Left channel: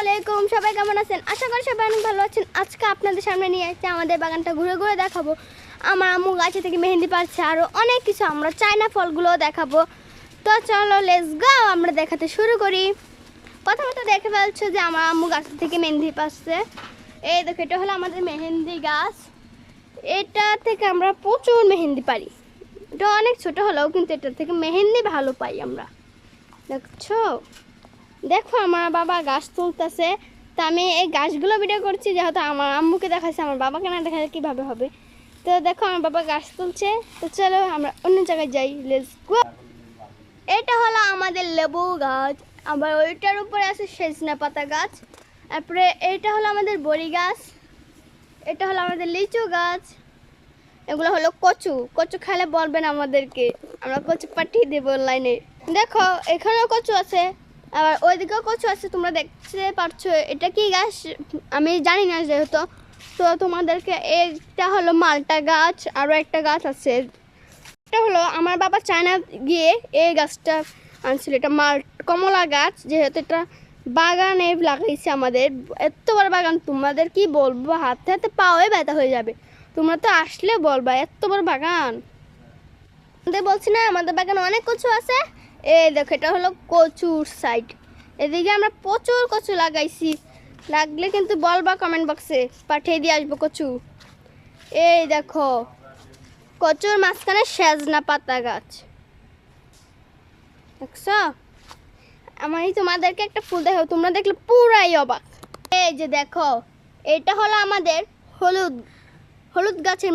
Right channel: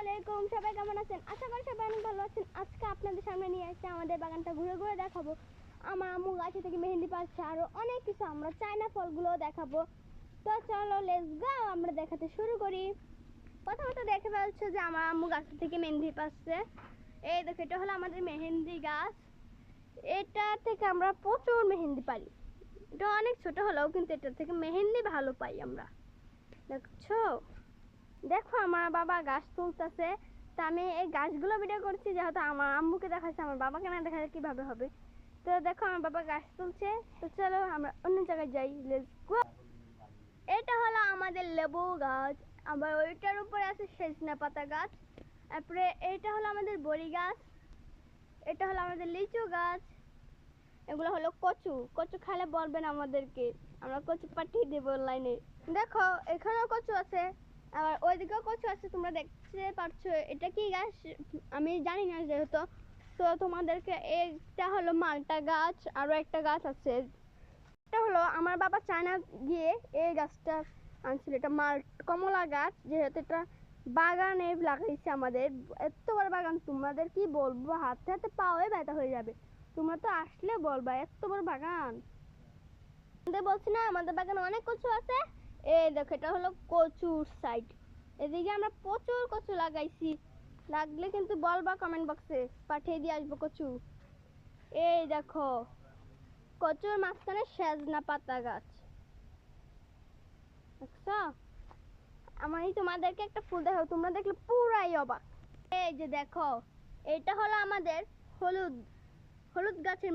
আলাইকুম, সবাই কেমন আছেন? আশা করি সবাই অনেক ভালো আছেন। আজকে আপনাদের সামনে নিয়ে আসছি আমাদের বাগানটা ঘুরে ঘুরে দেখাবো। আমার আম্মু গাছে থেকে মেহেন্দি পাচ্ছে, আরও অনেক কিছু আমরা চায়না ফলগুলোও দেখাবো। তো চলো লেটস গো, আমরা দেখাতে শুরু করি। প্রথমত দেখে ফেলছো যে আমার আম্মু গাছ থেকে মেহেন্দি পাচ্ছে। এই দেখো, এটা হলো আমাদের মেহেন্দি গাছ। এটা থেকে আমরা প্রচুর মেহেন্দি পারি। এটা অনেক ছোট হলেও কিন্তু এটা থেকে মেহেন্দি ভালো পাই আমরা। দেখছো, দেখো আমার বাবা গাছ তুলতেছে। তো আমি এই গাছগুলো ভিডিও করছি, যেহেতু আমার আম্মুকে দেখাচ্ছে, আমার বাবাকে না দেখালে কীভাবে হবে। তো দেখো আমার বাবা গাছ তুলছে। তো চলো আমরা অন্য জায়গায় যাই, লেটস গো। এটা হলো আমাদের লেবু গাছ, আবার ওইটার উপরে আছে সজনা পাতা গাছ। তারপরে এটা হলো আমাদের বড়ি গাছ, এটা হলো আমাদের লিচু গাছ, এগুলো হলো কচু। কচু খেলে বলবেন আমাদেরকে, আমরা কচু পাঠিয়ে দেবো অনলাইনে। দেখো এখানেও কচু আছে, আবার ওইদিকেও কচু আছে, তোমরা দেখতে পারছো। এটা কি গাছ আমি জানি না যেহেতু। তো তোমাদেরকে, এটা হলো মালটা গাছ, আরও একটা গাছ আছে। এটা হলো আমার বাবা চায়না গিয়ে এই গাছটা আনছিল। এটা কমলা গাছ, যেহেতু এটা বাগানে লাগাইছে আমাদের। এত বড় বাগান, তোমাদের কি বলবো, হাতে হাতে পাওয়াই ব্যথা হয়ে যাবে। তোমরা তো আসলে বলবা এত বড় বাগান। আমাদের বলছি না, আমাদের বাগানে অনেক কচু আছে। এই দেখো, এটা হলো কচুর সাইড। এদিকে আমরা প্রচুর কচু লাগাইছি, লাগলে কিন্তু বলবা কমেন্ট বক্সে, পাঠিয়ে দিয়ে আসবো কচু। এই দেখো, কচুর মাঝখানে সজনা পাতা গাছ দেখছো। আমি তোমাদেরকে একটা ফুল দেখাবো, তোমরা দেখলে পুরাই অবাক। এই যে দেখো, এটা হলো আমাদের হলুদ হলুদ গাছের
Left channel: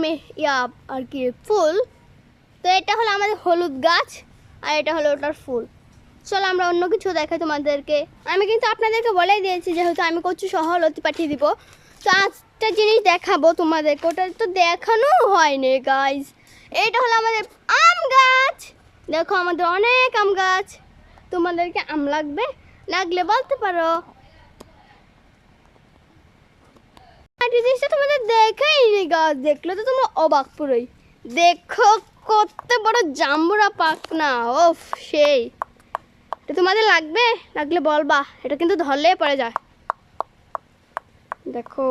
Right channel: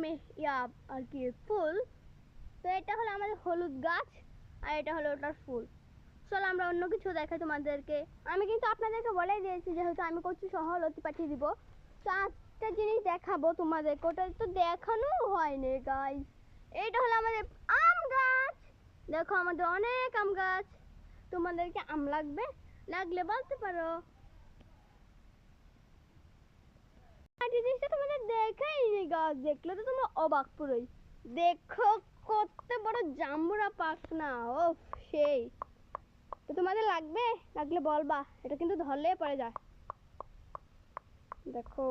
আর কি ফুল। তো এটা হলো আমাদের হলুদ গাছ, আর এটা হলো ওটার ফুল। চলো আমরা অন্য কিছু দেখাই তোমাদেরকে। আমি কিন্তু আপনাদেরকে বলেই দিয়েছি, যেহেতু আমি কচু সহ লতি পাঠিয়ে দিব। তো একটা জিনিস দেখাবো তোমাদেরকে, ওটা তো দেখানো হয়নি গাইজ। এটা হলো আমাদের আম গাছ। দেখো আমাদের অনেক আম গাছ। তোমাদেরকে আম লাগবে, লাগলে বলতে পারো। জিনিসটা তোমাদের দেখাইনি গাছ, দেখলে তো তোমরা অবাক পুরোই। দেখো কত বড় জাম্বুরা পাকনা, ওফ সেই। এটা তোমাদের লাগবে, লাগলে বলবা। এটা কিন্তু ধরলে পড়ে যায়। দেখো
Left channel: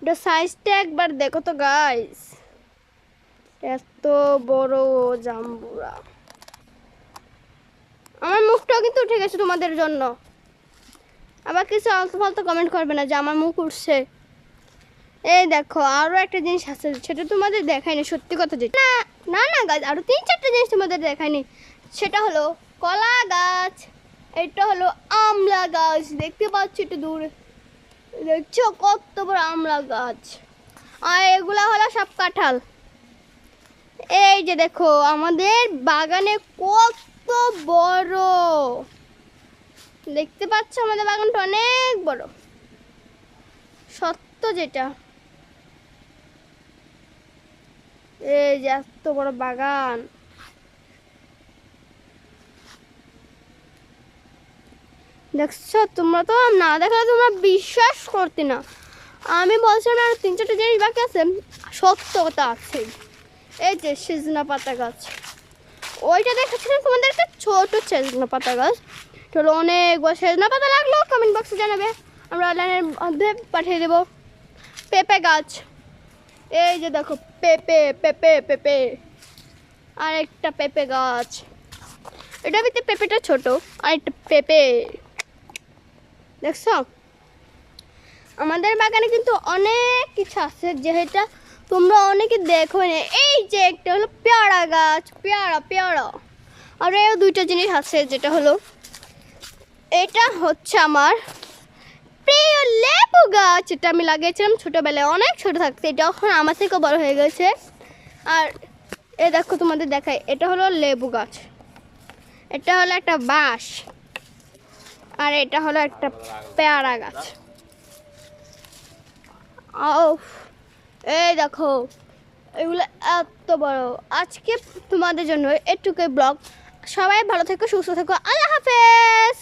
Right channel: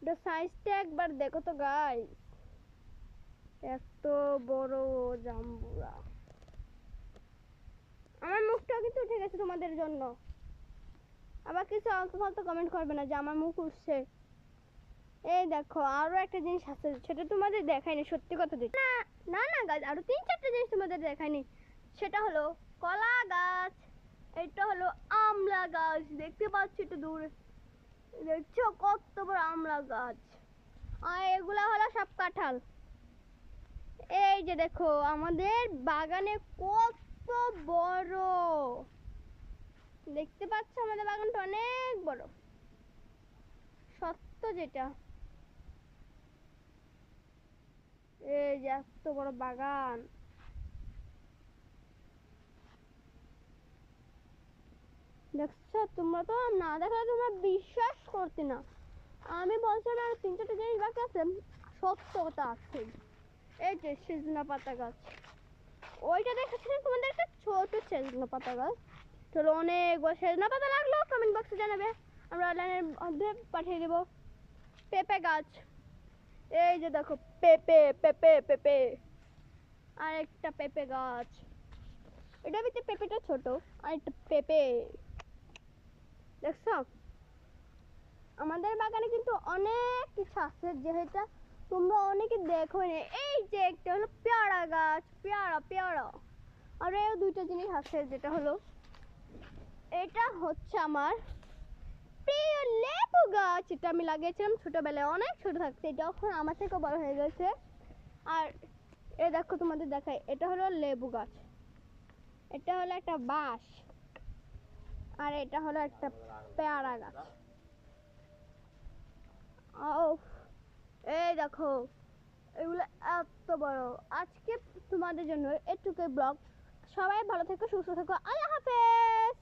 এটা সাইজটা একবার দেখো তো গাইস, এত বড় জাম্বুরা। আমার মুখটাও কিন্তু উঠে গেছে তোমাদের জন্য। আবার কিছু আলতু ফালতু কমেন্ট করবে না যে আমার মুখ উঠছে। এই দেখো আরো একটা জিনিস আছে, সেটা তোমাদের দেখায়নি, সত্যি কথা যেটা। না না না গাছ, আরো 3-4টা জিনিস তোমাদের দেখায়নি। সেটা হলো কলা গাছ, এটা হলো আমলা গাছ, দেখতে পাচ্ছ একটু দূরে, দেখছো কত বড় আমলা গাছ। আর এগুলা হলো সব কাঁঠাল। এই যে দেখো আমাদের বাগানে কত বড়, দেখতে পাচ্ছ আমাদের বাগানটা অনেক বড়, সত্য যেটা। এই যে এত বড় বাগান, দেখছো। তোমরা তো না দেখলে তোমরা বিশ্বাস করতে না। আমি বলছিলাম আর 3-4টা জিনিস বাকি আছে, সত্য কথা আছে। এই যে সজনা পাতা গাছ, ওইটা দেখাচ্ছিলাম তোমাদেরকে, ছোট সজনা পাতা গাছ। চলো অনেক বড় সজনা পাতা লাগলো কমেন্ট বক্সে জানাবে, আমরা অনলাইনের মধ্যে পাঠিয়ে দেবো। পেঁপে গাছ, এই যে দেখো পেঁপে পেঁপে পেঁপে, আর একটা পেঁপে গাছ। এটা ভিতরে পেঁপেটা ছোট, আর একটা পেঁপে, দেখছো। আমাদের বাগানে কিন্তু অনেক কিছু আছে, যেটা তোমরা অনেকে দেখো না। এই যে একটা হলো পেয়ারা গাছ, পেয়ারা পেয়ারা। আর এই 2টা জিনিস আছে, যেটা হলো, এটা হচ্ছে আমার প্রিয় লেবু গাছ। এটা আমি লাগিয়েছিলাম ছোটোবেলায়, অনেক ছোট থাকতে, এটা এখন আমার থেকে বড় হয়ে গেছে। আর এ দেখো তোমাদের দেখাই, এটা হলো লেবু গাছ, এটা হলো একটা বাঁশ, আর এটা হলো একটা পেয়ারা গাছ। এই দেখো এগুলো এত বড়। আজকে তোমাদের জন্য এটুকুই ব্লগ। সবাই ভালো থেকো, সুস্থ থেকো, আল্লাহ হাফেজ।